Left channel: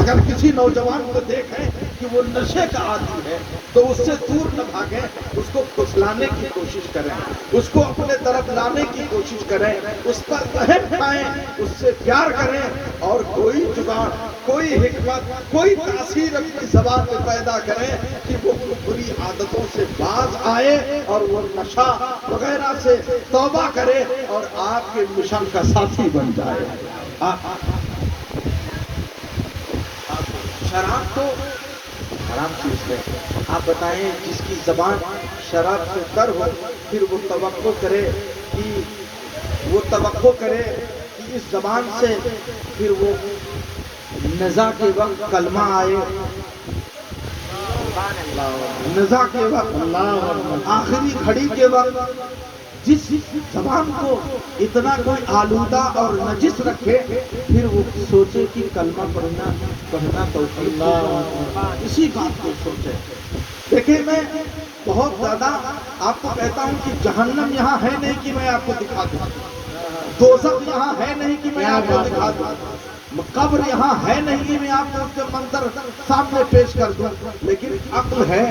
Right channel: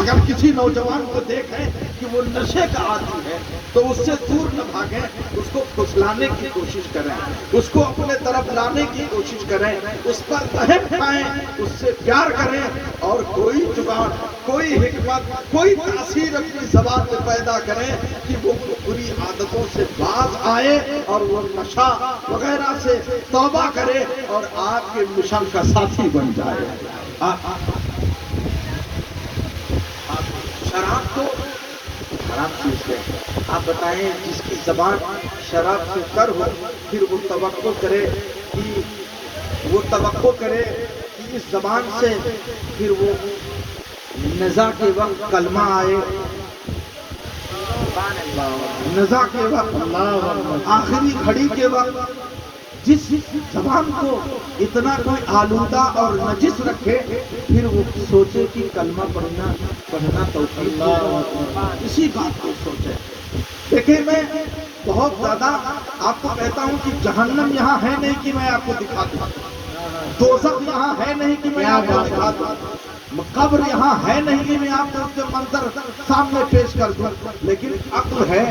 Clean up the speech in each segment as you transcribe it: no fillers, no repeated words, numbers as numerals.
اگر کسی نوجوان کو دیکھیں کہ وہ نشے کا عادی ہے تو اس سے دور نہ بھاگیں، اس کو پھسلانے کی کوشش کریں، اس کو اپنے طرف لانے کی کوشش کریں، اس پر رحم کھائیں، اس سے پیار کریں، اور کوئی جگاڑ، کوئی حکمت، کوئی تاثیر اپنی زبان میں پیدا کریں کہ وہ بری عادتوں سے باز آئے اور وہ نشہ وغیرہ سے توبہ کرے اور آپ کے مشن کا ساتھی بن جائے۔ شراب تو حرام چیز ہے، آپ بتائیں جس کی زبان شراب سے تر ہو، پھر وہ توقع کرے کہ اس زبان سے پھر وہ نزا کے وقت کلمہ آئے، نزا کے وقت، آخری گھڑی کے وقت جس زبان کو اتنا کوئی آلودہ اور نجس رکھے، پھر وہ سوچے کہ کلمہ پڑھنا توفیق اسی بات کو سوچے۔ دیکھیں میں بہت زیادہ آپ کو کہتا ہوں کہ جہنم یہاں ہے نہیں کہ میں آپ کو دکھا دوں، دوزخ یہاں ہے نہیں کہ میں آپ کو دکھا دوں، قبر یہاں ہے نہیں کہ میں آپ کو اس کے منظر سامنے پیش کر دوں، لیکن عقل ہے،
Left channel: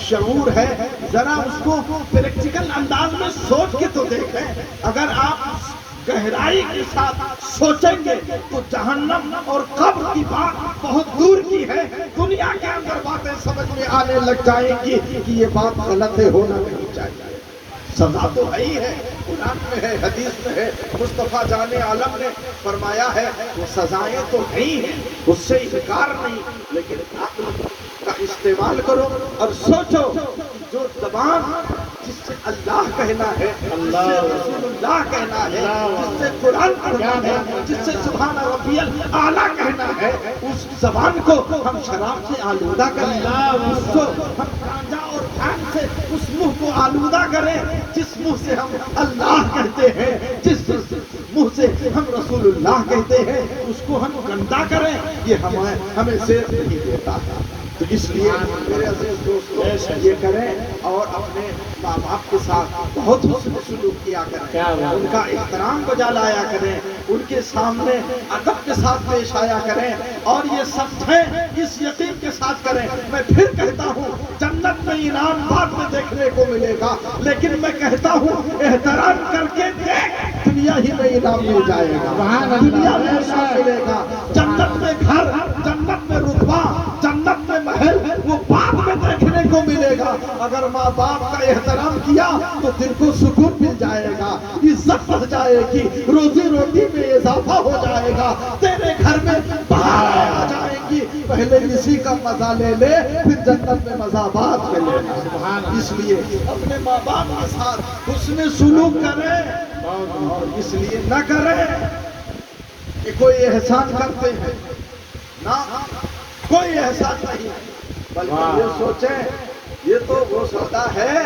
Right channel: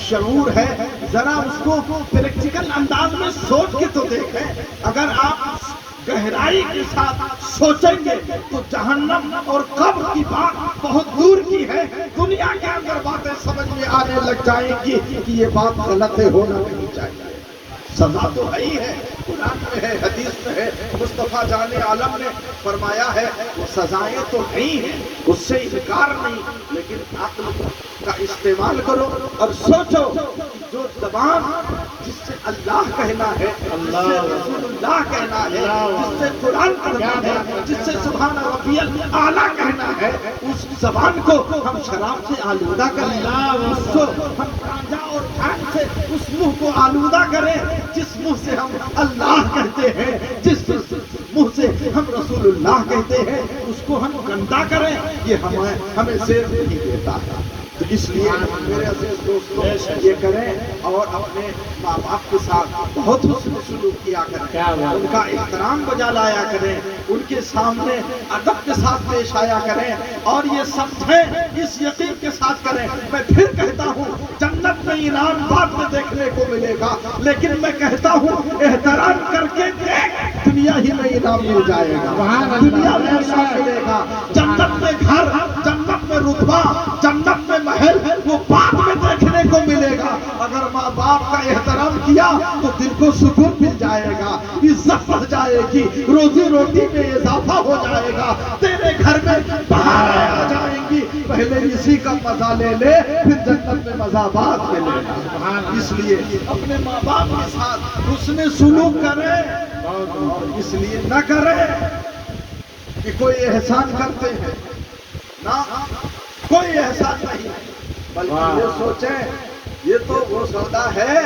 شعور ہے، ذرا اس کو پریکٹیکل انداز میں سوچ کے تو دیکھیں۔ اگر آپ گہرائی کے ساتھ سوچیں گے تو جہنم اور قبر کی بات بہت دور کی ہے، دنیا کے اندر باتیں سمجھ میں آنے لگ جائیں گی کہ یہ بات غلط ہے، ہونا نہیں چاہیے۔ سزا تو ہے ہی ہے، قرآن میں ہے، حدیث میں ہے، مصطفیٰ جان عالم نے فرمایا ہے، وہ سزائیں تو ہے ہی ہیں، اس سے انکار نہیں، لیکن عقل کا استعمال کرو اور سوچو کہ جو زبان جس سے اللہ کہنا ہے، جس سے رسول اللہ کہنا ہے، جس سے قرآن پڑھنا ہے، جس سے سبحان ربی اعلیٰ کہنا ہے، اس زبان کو ہم شراب سے آلودہ کریں، اس کو ہم گانجا اور بھنگ سے اس منہ کو آلودہ کریں، جس منہ سے ہم اللہ کہتے ہیں، جس منہ سے ہم رسول اللہ کہتے ہیں، اس کو ہم گندا کریں، یہ ہمیں زیب نہیں دیتا ہے۔ تو اس لیے میرے عزیز دوستوں یہ کریں اور اپنے ماں باپ کے ساتھ بہت حسن سلوک کیا کریں، ان کا احترام بجا لایا کریں، ان کے سامنے ادب کے ساتھ پیش آیا کریں، اور یہ سمجھیں، اس یقین کے ساتھ کریں۔ میں پھر کہتا ہوں جنت میں انعام بعد میں دیکھنے کو ملے گا، لیکن میں کہتا ہوں احترام کر کے دیکھ، دنیا ہی میں انعام مل جائے گا، دنیا میں انعام ملے گا۔ جنت میں گھر، جنت میں رتبہ، جنت میں محل، وہ بعد میں دیکھنے کو ملے گا۔ اگر ماں باپ کا احترام کیا تو دل کو سکون مل جائے گا، عزت بڑھ جائے گی، روزی روٹی میں اضافہ ہو جائے گا، تیرے گھر میں بہاریں آ جائیں گی۔ پہلے اسی کا مزہ لے لے، پھر جنت میں مزہ بعد میں لینا۔ اس لیے اپنے ماں باپ کے ساتھ حسن سلوک کریں، اور اس لیے نہ کریں کہ کوئی احسان کرتے ہیں، نہ کوئی احسان نہیں، بلکہ یہ سوچیں یہ تو وہ سودا ہے،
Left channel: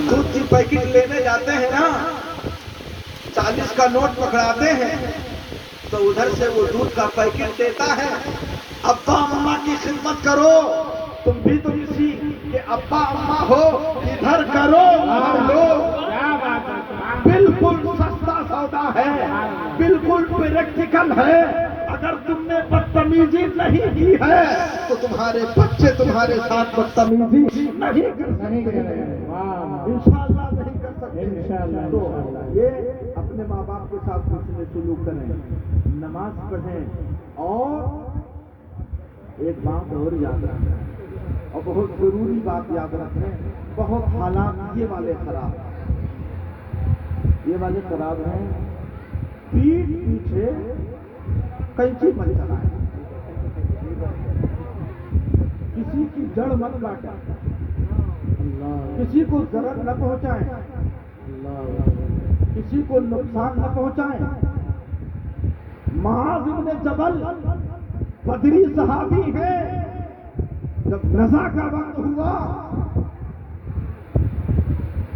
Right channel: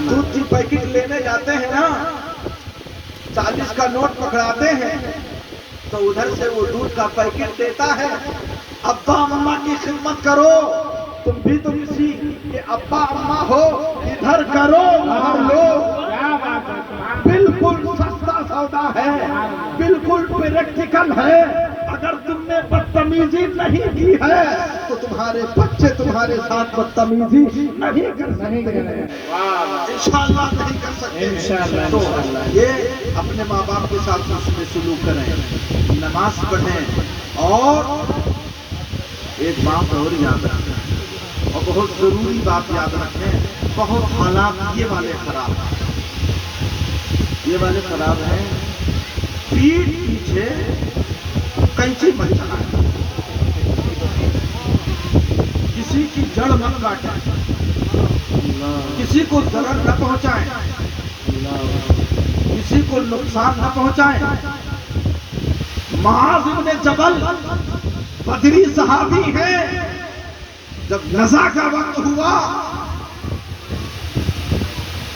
دودھ کی پیکٹ لینے جاتے ہیں نا، 40 کا نوٹ پکڑاتے ہیں تو ادھر سے وہ دودھ کا پیکٹ دیتا ہے، ابا اماں کی خدمت کرو، تم بھی تو کسی کے ابا اماں ہو، ادھر کرو ادھر لو، بالکل سستا سودا ہے، بالکل پریکٹیکل ہے۔ اگر تم نے بدتمیزی نہیں کی ہے تو تمہارے بچے تمہارے ساتھ بدتمیزی نہیں کر سکتے ہیں، انشاءاللہ نہیں کر سکتے۔ تو یہ اپنے ماں باپ کے ساتھ حسن سلوک کریں، نماز پڑھیں، اور ایک بات اور یاد رکھیں، اور بہت ضروری بات یاد رکھیں، بہت حالات یہ والے خراب ہیں، پیٹھ پیچھے کینچی مت چلائیں، کسی کی جڑ مت کاٹیں، کسی کو ضرر نہ پہنچائیں، کسی کو نقصان نہ پہنچائیں۔ معاذ بن جبل بدری صحابی ہیں، جب نزا کا وقت ہوا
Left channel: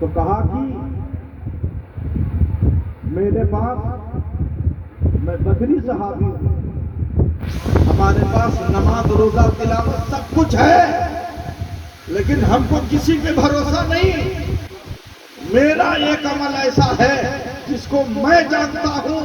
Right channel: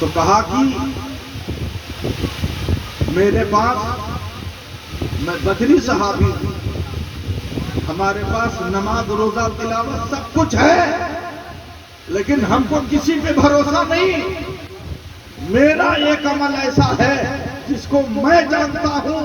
تو کہا کہ میرے پاس، میں بدری صحابی ہوں، ہمارے پاس نماز روزہ تلاوت سب کچھ ہے، لیکن ہم کو کسی پہ بھروسہ نہیں۔ میرا ایک عمل ایسا ہے جس کو میں جانتا ہوں